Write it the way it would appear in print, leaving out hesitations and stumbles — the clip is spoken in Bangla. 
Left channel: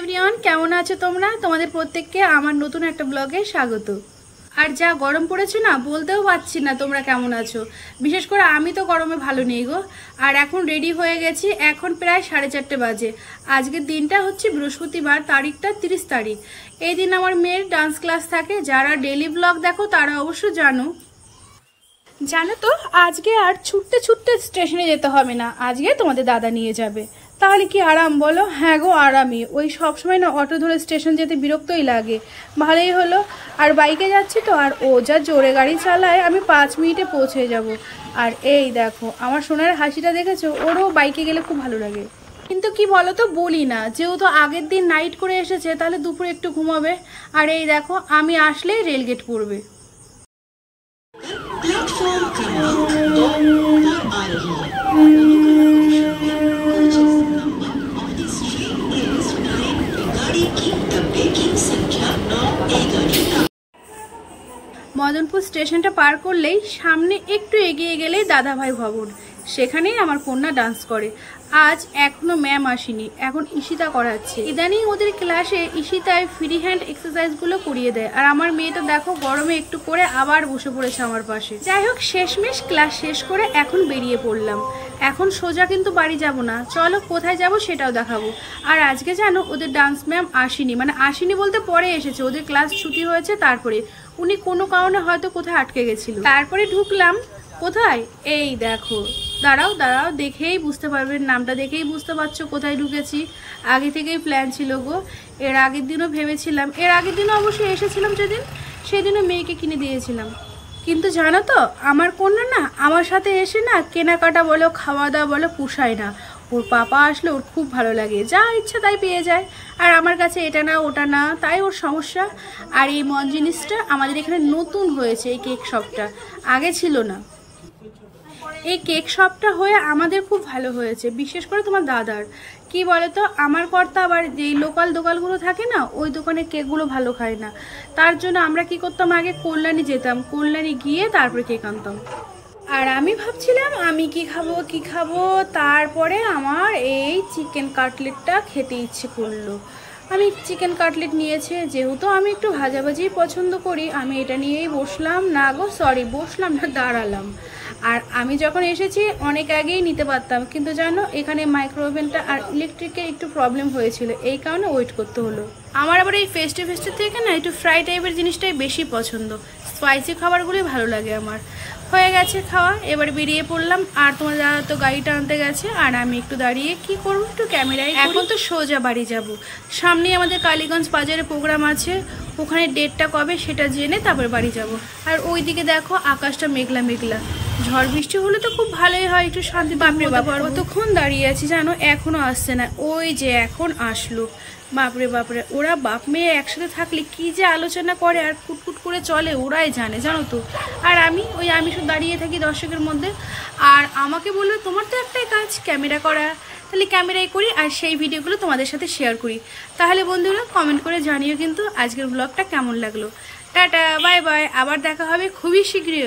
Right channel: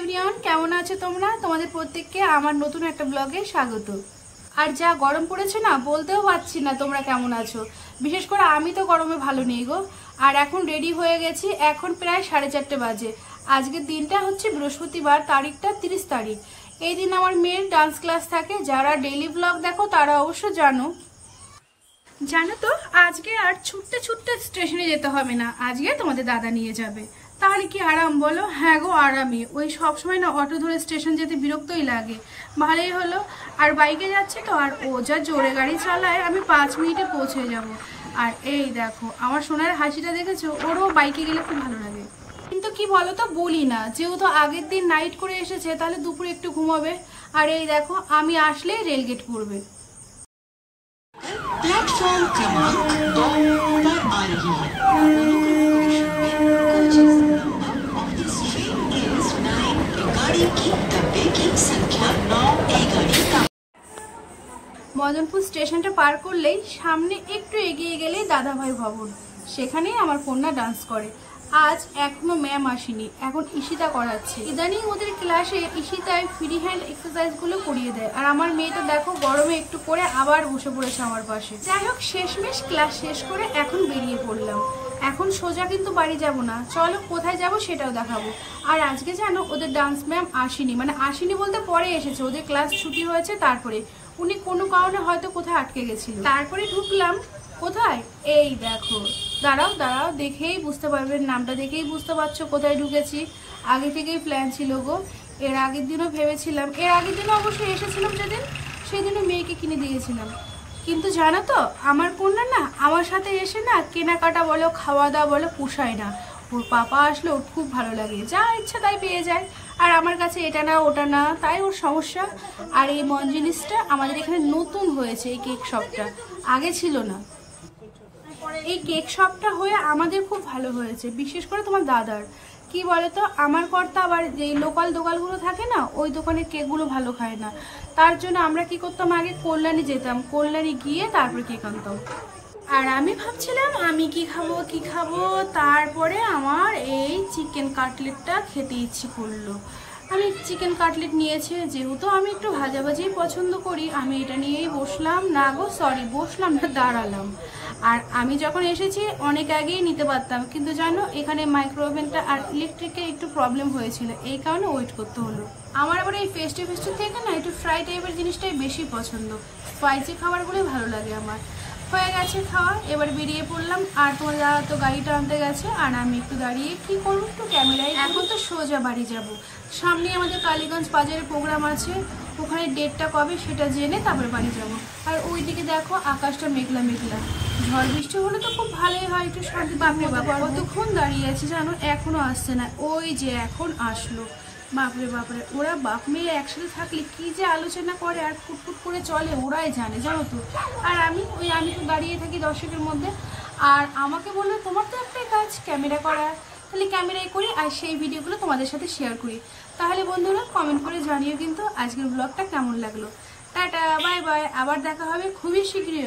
এভরিওয়ান, কেমন আছো তোমরা? তোমাদের প্রত্যেককে আমার নতুন একটা ব্লগে স্বাগত। আর যা গরম পড়েছে না, বলতেও পারছি না তোমরা কেমন আছো। বিশেষ করে আমি তো গরমে ভালো নেই গো। আর এখন রেডি হয়ে গেছি, এখন প্রায় 4:30 বাজে। আজকের দিনটা হচ্ছে বৃহস্পতিবার, তারিখটা 30 তারিখ। এই দিন আমার মেয়ের ডান্স ক্লাস থাকে। যারা ডেইলি ব্লগ দেখো তারা অবশ্য জানো তো আজকে আর ছুটতে ছুটতে স্টেশনে যেতে হবে না, আজকে তোমাদের দাদা নিয়ে যাবে। তাহলে কি আরাম বলো? হ্যাঁ গো, আরামই। ওই সবসময় না অটো ধরে স্টেশন যেতে বিরক্তই লাগে। ভালোই হলো। আর বাইকে যাচ্ছি তো, আর ও যা জোরে গাড়ি চালায়, আমি 5 মিনিটে পৌঁছে যাব। আর এই দেখো আমার সোনার হাসিটা দেখেছো? ওরও বাইকে গেলে খুব ভালো লাগে। কিন্তু কি বলো তো, বলি না, যেহেতু আগের দিন নাইট করে এসেছে, তাহলে দুপুরে একটু ঘুমাবে। আর এই দেখো আমি আসলেই রেলগেট পড়বে। प्लेटफॉर्म क्रमांक 2 पर आ रही है। गाड़ी की डब्बे की संख्या 9 ए गाड़ी का। মদনপুর স্টেশনটা পার করলেই সামনে একটু এগিয়ে গেলেই দাদাভাই ভবন, সেখানেই আমার কন্যা ডান্স করে। আজ এখনো ম্যাম আসেনি, এখন ঈশিতা করাচ্ছে। ইদানিং ওদের ক্লাসে ঈশিতায় ফ্রি হ্যান্ড এক্সারসাইজ গুলো করিয়ে দেয়। আর আমার মেয়ে তো দেখো গরমে একটু করে আবার বসে পড়েছে আমার পাশে। যাই হোক, শেষমেশ ক্লাস শেষ করে এখন বেরিয়ে পড়লাম। এখন সোজা কিন্তু বাড়ি যাব না, চলো কোথায় যাব সেটাও দেখাবো। আর আজকে জানো ওদের ডান্স ম্যাম আসেনি, মানে আসেনি বলতে পরে এসেছে, ওদের ক্লাস ছুটি হয়েছে। তারপরে উনি কোনো কারণে হয়তো কোথায় আটকে গেছিল। তারপরে ঢুকলাম কোথায়, এই দেখো। দাঁড়াও দাঁড়াও, দেখেই বুঝতে পারবেন, নামটা দেখেই বুঝতে পারছো কোথায় ঢুকেছি। আগে থেকেই প্ল্যান ছিল গো। এর আগের দিনও ভেবেছিলাম, এর আগের দিনও অবশ্যই এসেছিলাম যেদিন, সেদিনও মেয়েকে কিনে দিয়েছিলাম। কিন্তু জানো তো, আমার কন্যা না আমার সাথে এসে না কেনাকাটা বলো, খাওয়া দাওয়া বলো, পুষায় না। ওর পাপা আসলে ওর খুব ভালো লাগে, যা ইচ্ছা তাই পেয়ে যায়। আর আমার কাছে এটা না ওটা না, তাই ওর সমস্যা। আর এই মন জিনিসটা আমাদের এখানে নতুন হয়েছে, এই কেক শপটা, আগে ছিল না। এই কেক শপটা হয়ে আমাদের খুব ভালো হয়েছে, বিশেষ করে তোমার দাদার। কি বলতো, আমার কর্তা আবার যেই লোকাল দোকানগুলো থাকে না, ওই দোকানের কেকগুলো ভালো খায় না। তার জন্য আমরা কি করতাম, আগে কল্যাণী যেতাম, কল্যাণী গিয়ে তারপরে কেক আনতাম। আর আমি ভাবছিলাম আমি কি খাবো, তারপরে আমার এই চিকেন কাটলেটটা খেতে ইচ্ছে করলো। আমি চিকেন কাটলেট নিয়েছে, যেহেতু আমি একটু ভাজাভাজি পছন্দ করি, আমি এটা নিয়েই বসলাম। না গো সরি, বসলাম না, দাঁড়ালাম। আর আমি যখন এসেছি অনেক আগেই নিতে পারতাম, কিন্তু জানো এখানে মাইক্রোওভেনটা আর ইলেকট্রিকের একটু প্রবলেম হয়েছিল, এই কারণে ওয়েট করতে হলো। আমার আবার এই ফেস্টি থেকে না একটু ফ্রাই টাইপের জিনিসটাই বেশি পছন্দ, স্পাইসি খাবারগুলোই ভালো লাগে আমার। হয়ে গেছে খাওয়া, এবার বেরিয়ে পড়লাম। আর তোমার দাদা তো গাড়িটা আনতে গেছে, আর আমি একটু দাঁড়িয়ে কি করবো, একটু ক্যামেরায়। এখন তো সোজা বাড়ি যাব, সামনে আমাদের কালীগঞ্জ বাজারে প্রোগ্রাম আছে, ওখানে ডেটটা কবে সেটা জেনে তারপর বাড়ি যাব। আর ওইদিকে দেখো আকাশটা মেঘলা মেঘলা, ঝড় বৃষ্টি হলে তো খুব ভালোই হয়, একটু শান্তি পাবে। কতক্ষণ দাঁড়িয়ে আছি জানো, এখনো আসছে না। ওই যে এখন আসলো। বাপরে বাপরে, ওরা বাপ মেয়ে একসাথে থাকলে কি যে আলোচনা করে আর ফুটফুট করে চলে, ওরাই জানে, জানো তো। আর আমি শুধু দাঁড়িয়ে থাকি দর্শকের মধ্যে। আর আমাকে বললো তোমার তো একটাই কাজ ক্যামেরা করা, তাহলে ক্যামেরাই করি আর সেই ভিডিওগুলো তোমাদের সাথে শেয়ার করি। তাহলে বন্ধুরা কমেন্ট করে জানিও কিন্তু আজকের ব্লগটা কেমন লাগলো। টাটা, বাই বাই, আবার দেখা হবে খুবই শীঘ্রই।